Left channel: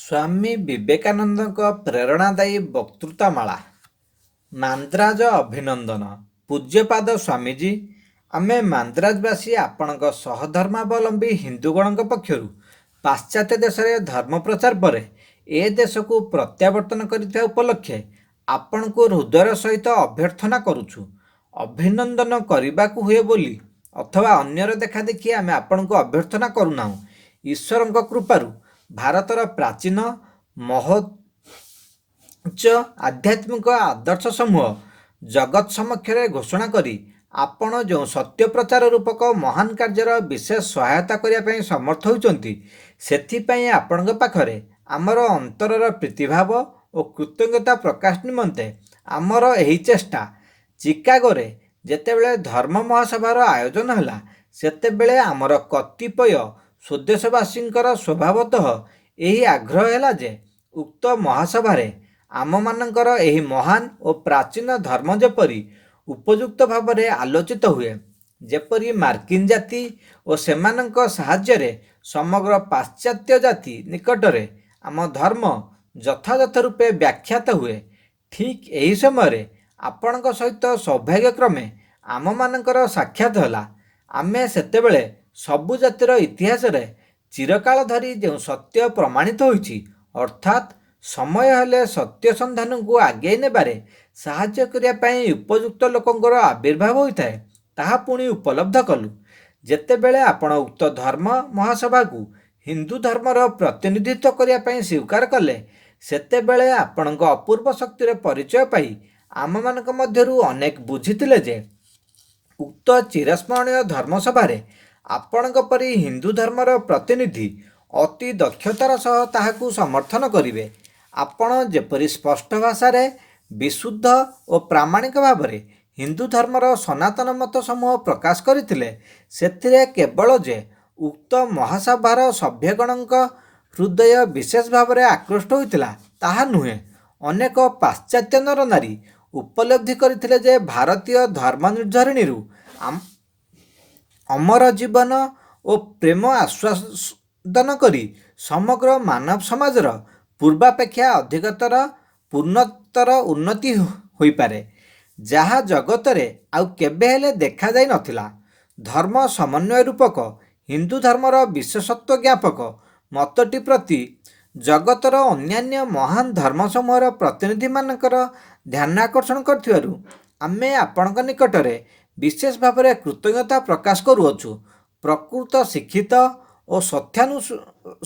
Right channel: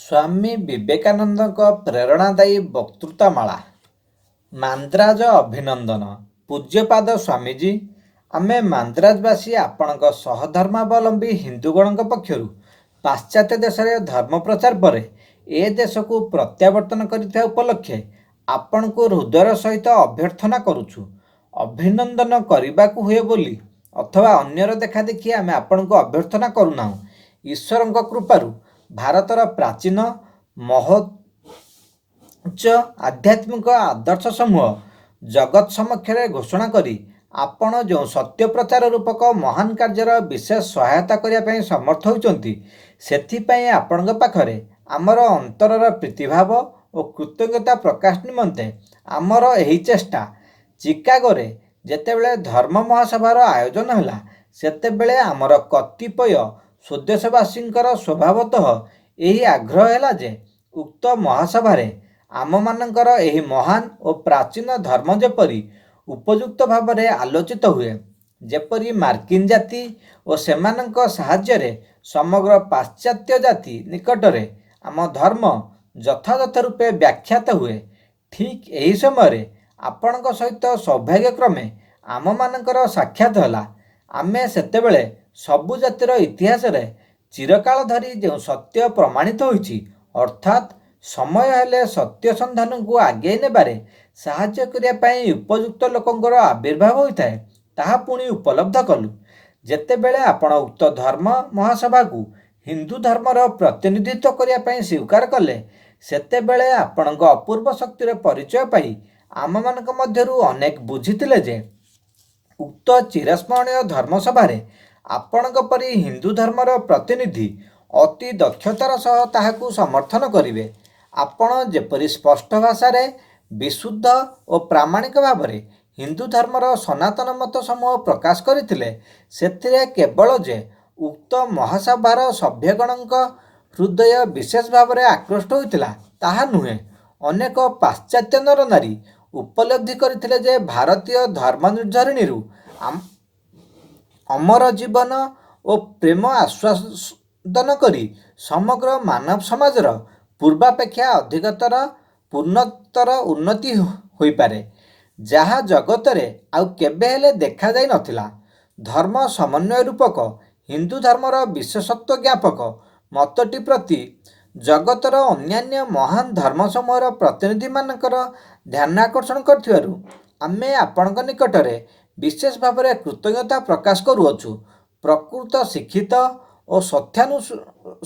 ସ୍ୱାମୀ ବିବେକାନନ୍ଦଙ୍କ ପ୍ରେରଣାଦାୟୀ ବକ୍ତୃତାମାଳା। ମାନ୍ଦ୍ରାଜ ଅଭିନନ୍ଦନ। ପୂଜ୍ୟପାଦ ସ୍ୱାମୀଜୀ, ଆମେ ମାନ୍ଦ୍ରାଜବାସୀ ଆପଣଙ୍କ ସହଧର୍ମାବଲମ୍ବୀ ହିନ୍ଦୁଗଣଙ୍କ ପକ୍ଷରୁ ପାଶ୍ଚାତ୍ୟ ଦେଶରେ ଧର୍ମ ପ୍ରଚାର ପରେ ଏ ଦେଶକୁ ପ୍ରତ୍ୟାବର୍ତ୍ତନ କରିଥିବା ଉପଲକ୍ଷେ ଆପଣଙ୍କୁ ହୃଦୟର ସହିତ ଅଭ୍ୟର୍ଥନା କରୁଛୁ। ଅଭିନନ୍ଦନ କରିବାକୁ ହୁଏ ବୋଲି ଅଥବା ଅନ୍ୟର ଦେଖାଦେଖି ଆମେ ଆପଣଙ୍କୁ ଅଭ୍ୟର୍ଥନା କରୁନାହୁଁ। ଈଶ୍ୱରଙ୍କ କୃପାରୁ ଭାରତର ପ୍ରାଚୀନ ମହୋଚ୍ଚ ଆଧ୍ୟାତ୍ମିକ ଆଦର୍ଶ ସମୂହ ଜଗତ ସମକ୍ଷରେ ଘୋଷଣା କରି ଆପଣ ଯେଉଁ ସତ୍ୟ ପ୍ରଚାର ରୂପକ ମହାନ କାର୍ଯ୍ୟର ବିଶେଷ ସହାୟତା କରିବା ପାଇଁ ସମର୍ଥ ହୋଇଛନ୍ତି, ସେଥିପାଇଁ ଆପଣଙ୍କ ପାଖରେ ଆମର ଅନ୍ତରର ପ୍ରୀତିଭାବ ଓ କୃତଜ୍ଞତା ପ୍ରକାଶ ନିମନ୍ତେ ଆମର ଏହି ଚେଷ୍ଟା। ଚିକାଗୋରେ ଯେତେବେଳେ ଧର୍ମ ମହାସଭାର ଆୟୋଜନ ହେଲା, ସେତେବେଳେ ଆମର କତିପୟ ସ୍ୱଦେଶବାସୀଙ୍କର ସ୍ୱଭାବତଃ ଏହି ଆଗ୍ରହ ହେଲା ଯେ ଉକ୍ତ ମହାସଭାରେ ଆମମାନଙ୍କର ଏହି ମହାନ ଓ ପ୍ରାଚୀନ ଧର୍ମ ଯେପରି ଉପଯୁକ୍ତ ଭାବରେ ଆଲୋଚିତ ହୁଏ, ଯେପରି ମାର୍କିନ ଜାତି ଓ ସେମାନଙ୍କ ସାହାଯ୍ୟରେ ସମଗ୍ର ପାଶ୍ଚାତ୍ୟ ଜାତି ନିକଟରେ ଆମ ଧର୍ମ ଯଥାଯଥ ରୂପେ ବ୍ୟାଖ୍ୟାତ ହୁଏ। ଠିକ୍ ଏହି ସମୟରେ ଆପଣଙ୍କ ସହିତ ସୌଭାଗ୍ୟକ୍ରମେ ଆମମାନଙ୍କର ସାକ୍ଷାତ ହେଲା। ଆମେ ସେତେବେଳେ ସବୁ ଜାତିର ଇତିହାସରେ ଚିରକାଳ ଧରି ଯେଉଁ ସତ୍ୟ ପ୍ରମାଣିତ ହୋଇଛି, ଅର୍ଥାତ୍ ସମୟ ହେଲେ ସତ୍ୟ ସନ୍ଧାନକୁ ଆଗେଇ ନେବାରେ ସାହାଯ୍ୟ କରିବା ପାଇଁ ଉପଯୁକ୍ତ ଲୋକଙ୍କର ଆବିର୍ଭାବ ହୋଇଥାଏ, ତାହା ପୁଣି ଉପଲବ୍ଧ କଲୁ। ଯେତେବେଳେ ଆପଣ ଉକ୍ତ ଧର୍ମ ମହାସଭାକୁ ହିନ୍ଦୁ ଧର୍ମର ପ୍ରତିନିଧିତ୍ୱ କରିବା ପାଇଁ ସ୍ୱୀକାର କଲେ, ସେତେବେଳେ ଆପଣଙ୍କ ଅପୂର୍ବ ଶକ୍ତିର ପରିଚୟ ପାଇ ଆମମାନଙ୍କ ମଧ୍ୟରୁ ଅନେକ ବୁଝିଥିଲେ ଯେ ଉକ୍ତ ଚିରସ୍ମରଣୀୟ ଧର୍ମସଭାରେ ଆପଣଙ୍କ ପରି ହିନ୍ଦୁ ଧର୍ମର ପ୍ରତିନିଧି ଅତି ଦକ୍ଷତାର ସହ ତାହାକୁ ସମର୍ଥନ କରିବେ। ଆପଣ ଯେପରି ସ୍ପଷ୍ଟ ଭାଷାରେ ବିଶୁଦ୍ଧ ଓ ପ୍ରାମାଣିକ ଭାବରେ ହିନ୍ଦୁ ଧର୍ମର ସନାତନ ମତ ସମୂହ ପ୍ରକାଶ କରିଥିଲେ, ସେଥିରେ କେବଳ ଯେ ଉକ୍ତ ମହାସଭାର ସଭ୍ୟଗଣଙ୍କ ହୃଦୟ ବିଶେଷ ଭାବରେ ଆକୃଷ୍ଟ ହୋଇଥିଲା ତାହା ନୁହେଁ, ଅନେକ ପାଶ୍ଚାତ୍ୟ ନରନାରୀ ଉପଲବ୍ଧି କରିଥିଲେ ଯେ ଭାରତୀୟ ଧର୍ମ ନିର୍ଝରିଣୀରୁ ଅମର ଜୀବନ ଓ ପ୍ରେମ ଆସ୍ୱାଦନ କରି ସମଗ୍ର ମାନବ ସମାଜର ପୂର୍ବାପେକ୍ଷା ଅଧିକତର ପୂର୍ଣ୍ଣତର ଉନ୍ନତି ହୋଇପାରେ, ଯାହା ଜଗତରେ ଆଉ କେବେ ହେଲେ ଦେଖାଯାଇ ନଥିଲା। ଧର୍ମ ସମନ୍ୱୟ ରୂପକ ହିନ୍ଦୁ ଧର୍ମର ବିଶେଷତ୍ୱ ଜ୍ଞାପକ ମତଟି ପ୍ରତି ଜଗତର ଅନ୍ୟାନ୍ୟ ମହାନ ଧର୍ମସମୂହର ପ୍ରତିନିଧିମାନଙ୍କର ଧ୍ୟାନ ଆକର୍ଷଣ କରିଥିବାରୁ ଆମେ ଆପଣଙ୍କ ନିକଟରେ ବିଶେଷ ଭାବରେ କୃତଜ୍ଞତା ପ୍ରକାଶ କରୁଅଛୁ। ପ୍ରକୃତ ଶିକ୍ଷିତ ଓ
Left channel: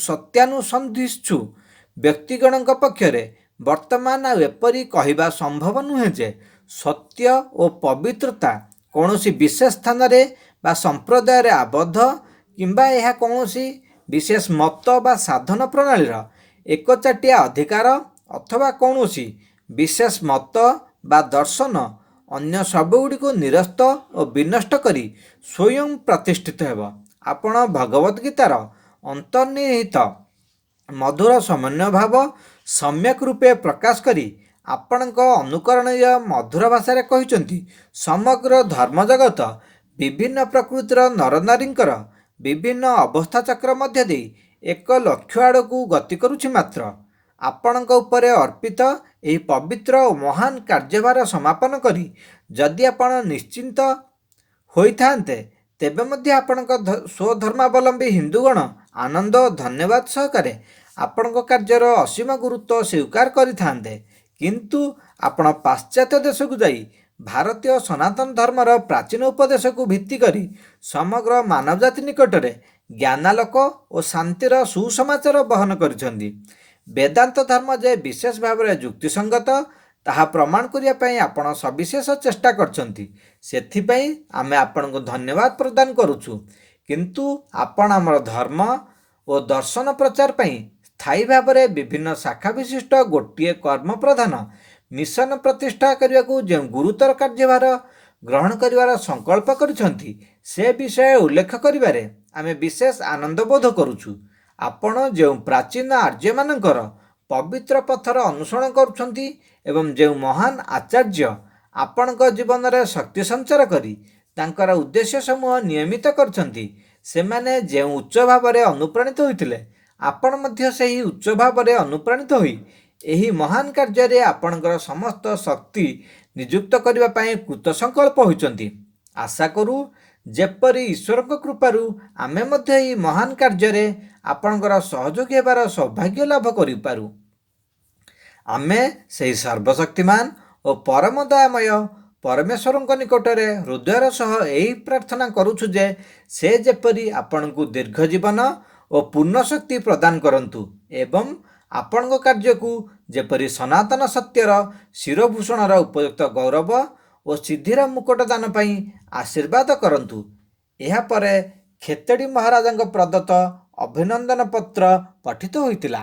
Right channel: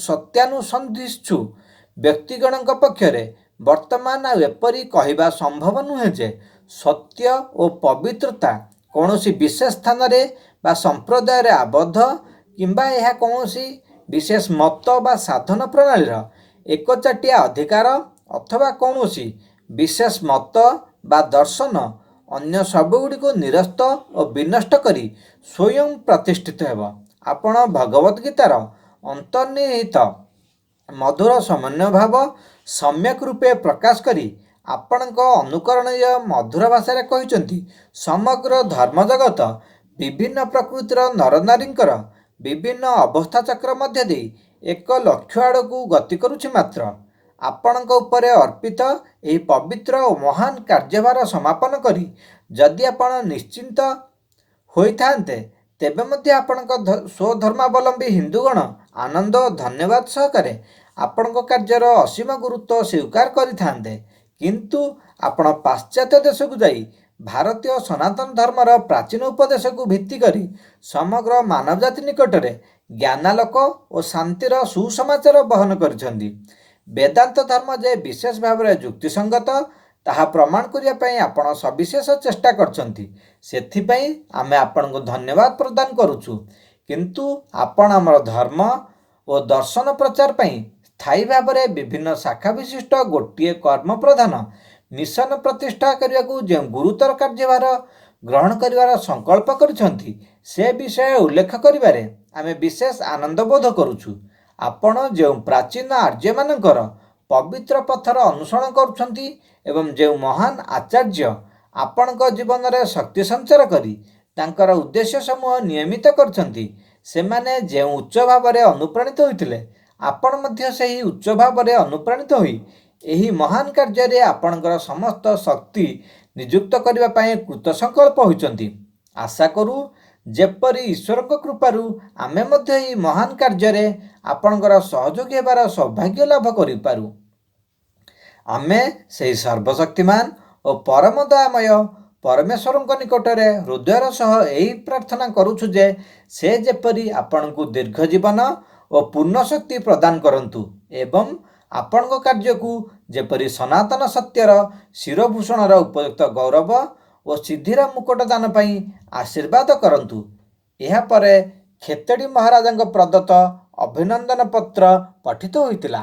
ସତ୍ୟାନୁସନ୍ଧିତ୍ସୁ ବ୍ୟକ୍ତିଗଣଙ୍କ ପକ୍ଷରେ ବର୍ତ୍ତମାନ ଆଉ ଏପରି କହିବା ସମ୍ଭବ ନୁହେଁ ଯେ ସତ୍ୟ ଓ ପବିତ୍ରତା କୌଣସି ବିଶେଷ ସ୍ଥାନରେ ବା ସମ୍ପ୍ରଦାୟରେ ଆବଦ୍ଧ, କିମ୍ବା ଏହା କୌଣସି ବିଶେଷ ମତ ବା ସାଧନ ପ୍ରଣାଳୀର ଏକଚାଟିଆ ଅଧିକାର, ଅଥବା କୌଣସି ବିଶେଷ ମତ ବା ଦର୍ଶନ ଅନ୍ୟ ସବୁଗୁଡ଼ିକୁ ନିରସ୍ତ ଓ ବିନଷ୍ଟ କରି ସ୍ୱୟଂ ପ୍ରତିଷ୍ଠିତ ହେବ। ଆପଣ ଭଗବଦ୍ ଗୀତାର ଅନ୍ତର୍ନିହିତ ମଧୁର ସମନ୍ୱୟ ଭାବ ସମ୍ୟକ୍ ରୂପେ ପ୍ରକାଶ କରି ଆପଣଙ୍କ ଅନୁକରଣୀୟ ମଧୁର ଭାଷାରେ କହିଛନ୍ତି, ସମଗ୍ର ଧର୍ମଜଗତ ବିଭିନ୍ନ ପ୍ରକୃତିର ନରନାରୀଙ୍କର ବିଭିନ୍ନ ଅବସ୍ଥାଚକ୍ର ମଧ୍ୟ ଦେଇ ଏକ ଲକ୍ଷ୍ୟ ଆଡ଼କୁ ଗତି କରୁଛି। ମାତ୍ର ଆପଣଙ୍କ ଉପରେ ଅର୍ପିତ ଏହି ପବିତ୍ର ଓ ମହାନ କାର୍ଯ୍ୟଭାର ସମାପନ କରି ଯଦି ଆପଣ ନିଶ୍ଚିନ୍ତ ହୋଇଥାନ୍ତେ, ତେବେ ମଧ୍ୟ ଆପଣଙ୍କ ସ୍ୱଧର୍ମାବଲମ୍ବୀ ହିନ୍ଦୁଗଣ ଆନନ୍ଦ ଓ ଧନ୍ୟବାଦ ସହକାରେ ଆପଣଙ୍କ କାର୍ଯ୍ୟର ଅସୀମ ଗୁରୁତ୍ୱ ସ୍ୱୀକାର କରିଥାନ୍ତେ। କିନ୍ତୁ ଆପଣ ପାଶ୍ଚାତ୍ୟ ଦେଶକୁ ଯାଇ ଭାରତୀୟ ସନାତନ ଧର୍ମର ପ୍ରାଚୀନ ଉପଦେଶକୁ ଭିତ୍ତି କରି ସମଗ୍ର ମାନବ ଜାତି ନିକଟରେ ଜ୍ଞାନାଲୋକ ଓ ଶାନ୍ତିର ସୁସମାଚାର ବହନ କରିଛନ୍ତି। ବେଦାନ୍ତ ଧର୍ମ ଯେ ବିଶେଷ ଭାବରେ ଯୁକ୍ତିସଙ୍ଗତ, ତାହା ପ୍ରମାଣ କରିବା ପାଇଁ ଆପଣ ସବିଶେଷ ଚେଷ୍ଟା କରିଛନ୍ତି। ସେଥିପାଇଁ ଆମେ ଆପଣଙ୍କୁ ଧନ୍ୟବାଦ ପ୍ରଦାନ କରୁଛୁ। କିନ୍ତୁ ଆପଣ ଆମର ଧର୍ମ ଓ ଦର୍ଶନ ପ୍ରଚାର ପାଇଁ ସ୍ଥାୟୀ ଭାବରେ ବିଭିନ୍ନ ଶାଖା ବିଶିଷ୍ଟ ଗୋଟିଏ କର୍ମ ପ୍ରଧାନ ମିଶନ ପ୍ରତିଷ୍ଠା କରିବାକୁ ଯେଉଁ ଗୁରୁତର କାର୍ଯ୍ୟଭାର ଗ୍ରହଣ କରିବାର ସଂକଳ୍ପ କରିଛନ୍ତି, ସେ ବିଷୟ ଉଲ୍ଲେଖ କରିବାରେ ଆମେ ବିଶେଷ ଆନନ୍ଦ ବୋଧ କରୁଛୁ। ଆପଣ ଯେଉଁ ପ୍ରାଚୀନ ଆର୍ଯ୍ୟମାନଙ୍କର ପବିତ୍ର ପଥର ଅନୁସରଣ କରୁଛନ୍ତି ଏବଂ ଯେଉଁ ମହାନ ଆଚାର୍ଯ୍ୟ ଆପଣଙ୍କ ଜୀବନରେ ଶକ୍ତି ସଞ୍ଚାର କରି ତାଙ୍କର ଉଦ୍ଦେଶ୍ୟ ସମୂହ ନିୟମିତ କରିଛନ୍ତି, ସେମାନେ ଯେଉଁ ଉଚ୍ଚ ଭାବରେ ଅନୁପ୍ରାଣିତ ହୋଇଥିଲେ, ଆପଣ ମଧ୍ୟ ସେହି ଉଚ୍ଚ ଭାବରେ ଅନୁପ୍ରାଣିତ ହୋଇ ଏହି ମହାନ କାର୍ଯ୍ୟରେ ଆପଣଙ୍କର ସମସ୍ତ ଶକ୍ତି ନିଯୁକ୍ତ କରିବା ପାଇଁ କୃତସଂକଳ୍ପ ହୋଇଛନ୍ତି। ଆଶା କରୁ ଯେପରି ଈଶ୍ୱରଙ୍କ କୃପାରୁ ଆମେ ମଧ୍ୟ ଏହି ମହାନ କାର୍ଯ୍ୟରେ ଆପଣଙ୍କର ସହଯୋଗୀ ହେବାର ସୌଭାଗ୍ୟ ଲାଭ କରିପାରୁ। ଆମେ ସେହି ସର୍ବଶକ୍ତିମାନ ଓ ପରମ ଦୟାମୟ ପରମେଶ୍ୱରଙ୍କ ନିକଟରେ ହୃଦୟର ସହ ଏହି ପ୍ରାର୍ଥନା କରୁଛୁ ଯେ ସେ ଯେପରି ଆପଣଙ୍କୁ ଦୀର୍ଘ ଜୀବନ ଓ ପୂର୍ଣ୍ଣ ଶକ୍ତି ପ୍ରଦାନ କରନ୍ତୁ ଏବଂ ଆପଣଙ୍କ କାର୍ଯ୍ୟକୁ ଯେପରି ସନାତନ ସତ୍ୟର ଶିରଭୂଷଣର ଉପଯୁକ୍ତ ଗୌରବ ଓ ସିଦ୍ଧିର ମୁକୁଟ ଦାନ ପାଇଁ ଆଶୀର୍ବାଦ କରନ୍ତୁ। ଏହାପରେ ଖେତେଡ଼ି ମହାରାଜାଙ୍କ ପ୍ରଦତ୍ତ ଅଭିନନ୍ଦନ ପତ୍ର ପଠିତ ହୋଇଥିଲା।